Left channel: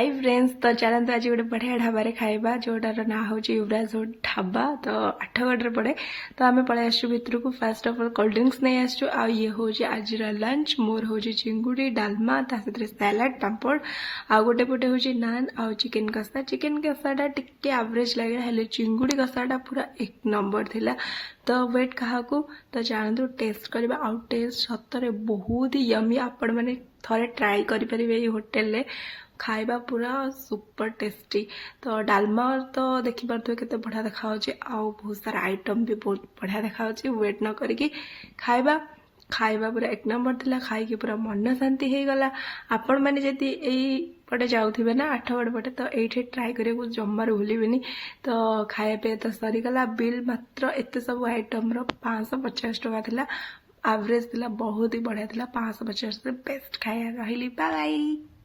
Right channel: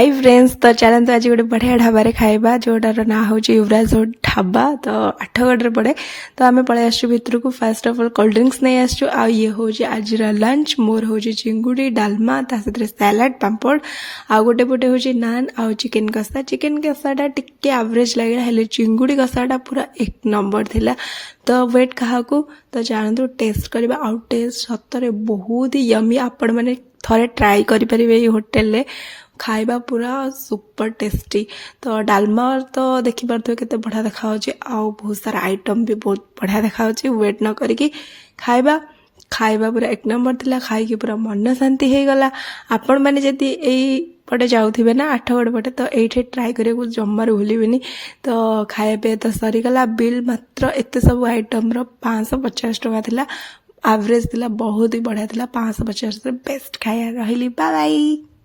Hi friends तो चलते आज गोटे बढ़िया ढाबा खाइबा जोटार ना हूँ युवराज ढाबा तो आठगढ़ पड़े तो आम पलि आसु भितर को first of all cold drinks नहीं आसु आ ये हूँ आज लंच मोर हूँ चिंगुड़ी डालमा सहित सैलाड पापड़ आ गोटे पटे हूँ नान आ चिकेन कषाटा टिके एवरेज लगे हेल्ले चिंगुड़ी कषाटा पूरा एक नंबर थिला। तो वेट क्या तो जानतु टेस्ट करवा आउ टेस्ट सतरे बहुत ही यमी आपण मैंने थरे ट्राई करेंगे ये होटेल खाइबा पूरा सुपर टेस्टी। तो डालमा तो देखिपे केते बढ़िया देखा आउ बहुत सारा आइटम भी बहुत बढ़िया देखा वेट न करिकी खाइबा पूरा एक नंबर थिला। खाई पूरा मन शांति हो गला। आपण मैंने जदि यही पटे जाऊे ना आठगढ़ पटे तो ये ट्राए करने जमार भूलि। तो खाया पे तो सरीगला बिल मात्र एत सब आइटम 550 टଙ୍କା थिला। एवरेज थिला बहुत ही बढ़िया थिला 550 बेस्ट खाया रही। Bye bye.